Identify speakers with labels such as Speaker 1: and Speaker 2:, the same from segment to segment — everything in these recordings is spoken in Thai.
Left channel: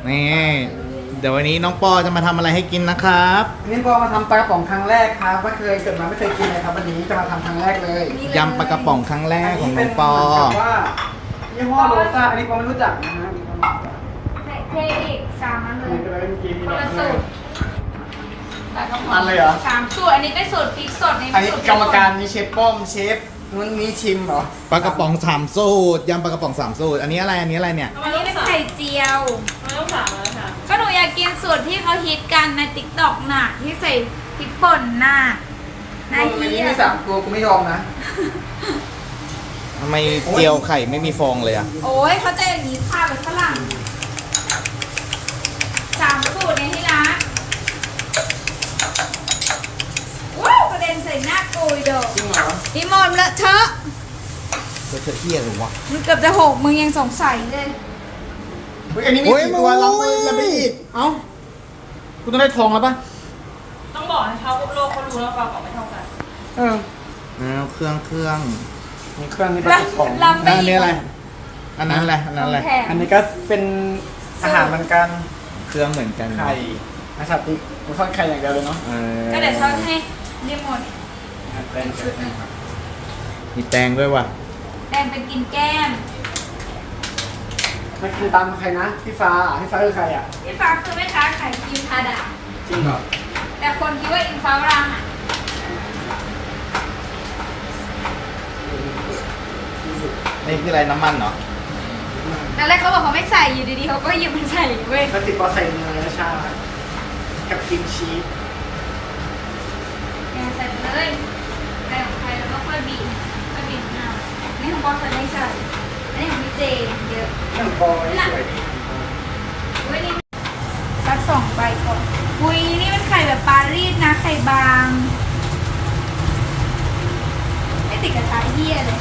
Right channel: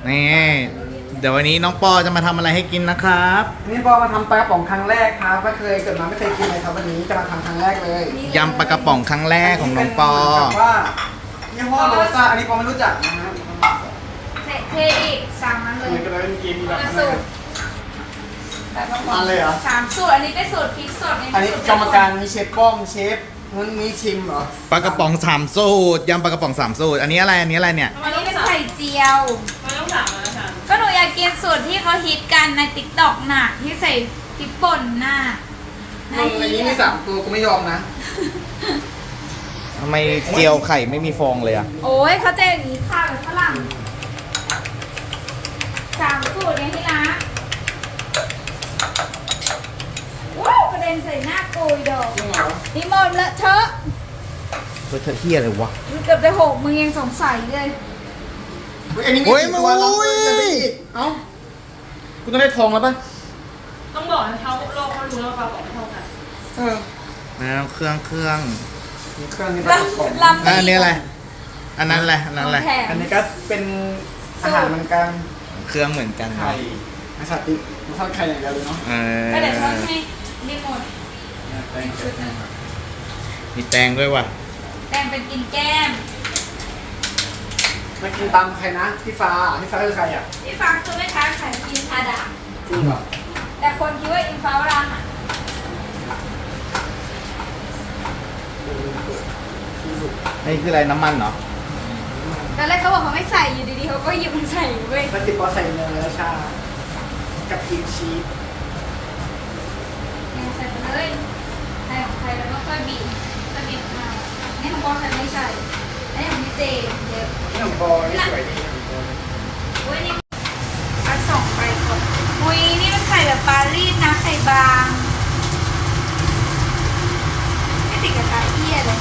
Speaker 1: นี่เดี๋ยววันนี้น้องปอจะมาทำอะไรให้กินนะครับ
Speaker 2: นี่พอมาทำปลากระป๋องครั้งแรกครับไม่เคยเกิดมาไม่เคยกินเลยครับวันนี้จะมาทำครั้งแรกเลย
Speaker 1: ยำปลากระป๋องครั้งแรกของน้องปอ
Speaker 2: แบบว่ายี่ห้อโรซ่าอันนี้ปอไม่รู้จักนะฮะ
Speaker 3: เทอีก3 อันเล
Speaker 2: เหมื
Speaker 3: ย
Speaker 2: อนกันเลยเมื่อกี้มี
Speaker 3: ค
Speaker 2: แบบ
Speaker 3: นละสูตรแล้วก็
Speaker 2: อันเลยเหรอ
Speaker 3: 3 สูตรอันนี้เป็นสูตรพริกสด
Speaker 2: อันนี้กรรมการมีเชฟป้อมเชฟนู้นนี้ชิมเหรอ
Speaker 1: ปลากระป๋อง3สูตรยำปลากระป๋อง3สูตรอันนี้อะไรอันนี้อะไรเนี่ย
Speaker 3: อันนี้เป็นไข่เจียว
Speaker 4: ไม่ต้องถามแล้วค่ะ
Speaker 3: ก็หนูอยากกินสูตรที่เขาฮิตกันในติ๊กต็อกน่ะที่ใส่พริกป่นน่ะ
Speaker 2: มึงอันนี้มี3 ตัวกูไม่ยอมนะ
Speaker 1: ทำไมเจียวไข่ไม่มีฟองเลยอะ
Speaker 3: โอ้ยเขาจะอย่างนี้ค่ะแบบฝรั่ง3 สูตรเนี่ยที่นะว้าวกระเด็นใส่หน้ากูอีดอก
Speaker 2: จริงเหรอ
Speaker 3: อีหมอนเลอะเทอะ
Speaker 1: ตัวเธอเที่ยอะไรวะ
Speaker 3: มันเกือบจะ6มึงยังสงสัยเลย
Speaker 2: เฮ้ยอันนี้มี
Speaker 1: โอ้ย
Speaker 2: 4 ตัวเรา
Speaker 1: โอ้ย
Speaker 2: จะไปอีกเอ้ากูต้องได้ทองแล้วป่ะ
Speaker 4: ต้องบอกให้เขาโลกเขารู้ว่าความบอกไม่เท่ากัน
Speaker 2: เออ
Speaker 1: แล้วเครื่อง
Speaker 2: มีเครื่องนี้ปลากระป๋อง
Speaker 1: แล้วอันนี้อะไรอันนั้นอะไรอันนั้นอะไร
Speaker 2: อันนี้ก็เป็นอาหารเหมือนกัน
Speaker 1: เครื่องเหมือนกัน
Speaker 2: ไข่
Speaker 1: เนาะ
Speaker 2: อาชาติมันทอดไข่อย่างเดียวเลยเนาะ
Speaker 1: เออ
Speaker 3: ก็เดี๋ยวเขาให้รีโมท
Speaker 2: เป็นชุดนะครับ
Speaker 1: มีแตงด้วยว่ะ
Speaker 3: แบ่งเป็นกินแก้ม
Speaker 2: มากินตามใครนะพี่ฟ้าคือใครอ่ะ
Speaker 3: พี่ฟ้าคือแม่ค้าขายกินทาดา
Speaker 2: จริงเหรอ
Speaker 3: แต่คนคิดว่าอินฟ้ารังอ่ะ
Speaker 1: นี่คืออะไรน้ำมันเหรอ
Speaker 3: แต่แรกเขาบอกเขาไม่ใส่อยู่ดีๆเขาก็หยิบมันใส่เว้ย
Speaker 2: แล้วติดปอใส่เนยและชากับกิมชีส
Speaker 3: เอาใส่ไปเลยใครของใครแล้วก็ค่อยบีบเอานี่ของบอสไม่ใส่อันนี้ของพี่เจเยอะ
Speaker 2: นี่ของบอยสวยดี
Speaker 3: เว้ยนี่มาส่งไปก่อนมุยนี่มันไข่แบบปารีสนะไข่บางไม่ติดกระทะเหี้ยเลย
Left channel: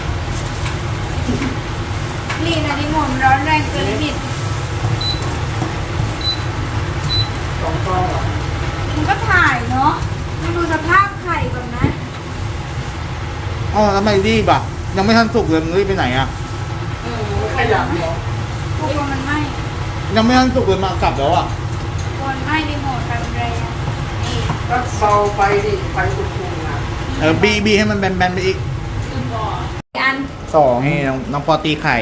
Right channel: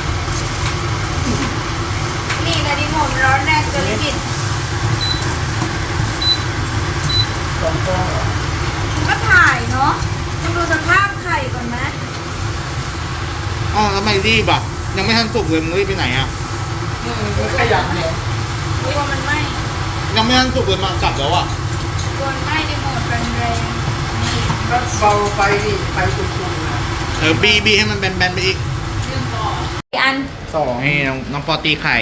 Speaker 3: นี่นะดิหมุนร้อนแรงจนบิด
Speaker 2: 2 ตัวเหรอ
Speaker 3: มันก็ถ่ายเนาะมึงดูสภาพไข่ก่อนไหม
Speaker 1: อ๋อทำไมรีบอ่ะยังไม่ทันสุกเลยมึงรีบไปไหนอ่ะ
Speaker 2: ไม่ขยันเดียว
Speaker 3: ตัวมันไหม้
Speaker 1: ยังไม่ทันสุกเลยมากลับแล้วอ่ะ
Speaker 3: ตัวมันไหม้ในโหมดแรงๆนี่
Speaker 2: ก็เบาไปดิไฟตุ่มๆนะ
Speaker 1: บีให้มันแบนๆไปอีก
Speaker 4: ลืมบอก
Speaker 3: อีกอัน
Speaker 1: ให้น้องปอตีไข่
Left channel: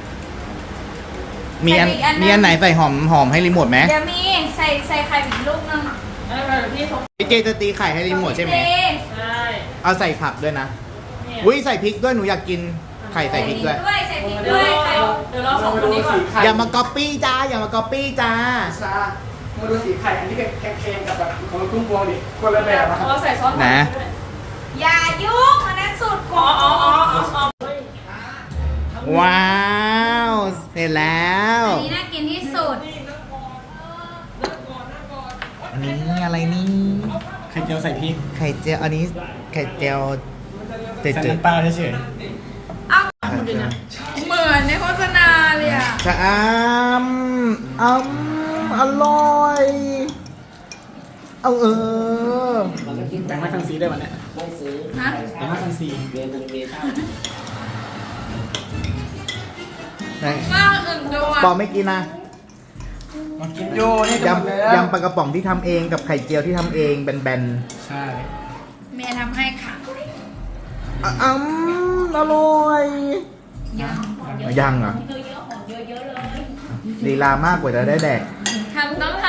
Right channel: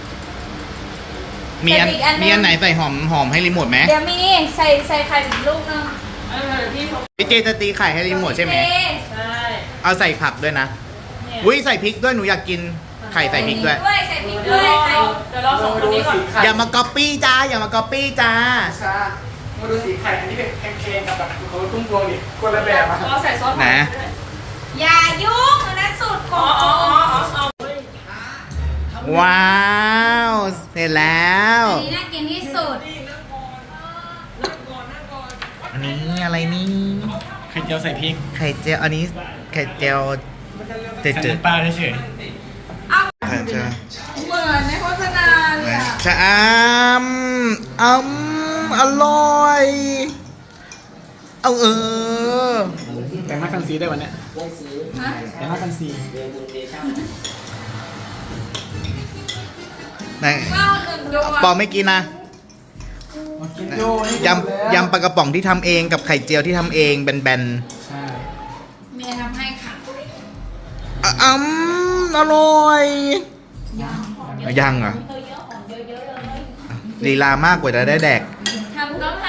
Speaker 1: มีอัน
Speaker 3: แต่อีกอันนึง
Speaker 1: มีอันไหนใส่หอมให้รีโมทไหม
Speaker 3: เดี๋ยวมีใส่ไข่อีกลูกนึง
Speaker 4: ไม่เป็นไรเดี๋ยวพี่เขา
Speaker 1: พี่เจจะตีไข่ให้รีโมทใช่ไหม
Speaker 3: เจ๊
Speaker 4: ใช่
Speaker 1: เอาใส่ผักด้วยนะ
Speaker 4: เนี่ย
Speaker 1: อุ้ยใส่พริกด้วยหนูอยากกินไข่ใส่พริกด้วย
Speaker 3: ใส่พริก
Speaker 4: เดี๋ยว
Speaker 3: ด้วย
Speaker 4: เรา
Speaker 3: ไข่
Speaker 4: เดี๋ยวเราสองคนนี้ก่อน
Speaker 2: ไข่
Speaker 1: อย่ามาก๊อปปี้จ้าอย่ามาก๊อปปี้จ้า
Speaker 2: ชามาดูสีไข่อันนี้เป็นแกงๆกับแบบของตุ้งโบดิคนละแบบอะ
Speaker 4: เราใส่ซอส
Speaker 1: นะ
Speaker 3: อย่ายุ่งอันนั้นสูตรข
Speaker 4: อ๋
Speaker 3: อ
Speaker 4: อง อ๋ออ๋ออ๋ออ๋อเฮ้ย
Speaker 1: ว้าวเสร็จแล้ว
Speaker 3: อันนี้น่ากินที่สุด
Speaker 1: อันนี้อะไรนี่
Speaker 2: ไข่เจียวใส่พริก
Speaker 1: ไข่เจียวอันนี้ไข่เจียวเจืด
Speaker 2: ใส่น้ำปลาเฉย
Speaker 3: เอ้า
Speaker 1: ๆไข่เจียว
Speaker 3: เหมือนในโฆษณาเลยอ่ะ
Speaker 1: ชะอร่อยเอา
Speaker 2: ๆแต่งให้ฟันซีได้วยวันเนี้ย
Speaker 3: ฮะ
Speaker 2: แต่งให้ฟันซี
Speaker 1: ไหน
Speaker 3: ข้าวอื่นดู
Speaker 1: ปอ
Speaker 3: อ่ะ
Speaker 1: ไม่กินนะ
Speaker 2: มากินโยนี่
Speaker 1: ยำปลากระป๋องที่ทำเองกับไข่เจียวที่ทำเองแบน
Speaker 2: ใช่
Speaker 3: เมียทำให้ค่ะ
Speaker 1: ๆอร่อยยังเหรอลีลามากกว่าจะได้แดก
Speaker 3: ต้องท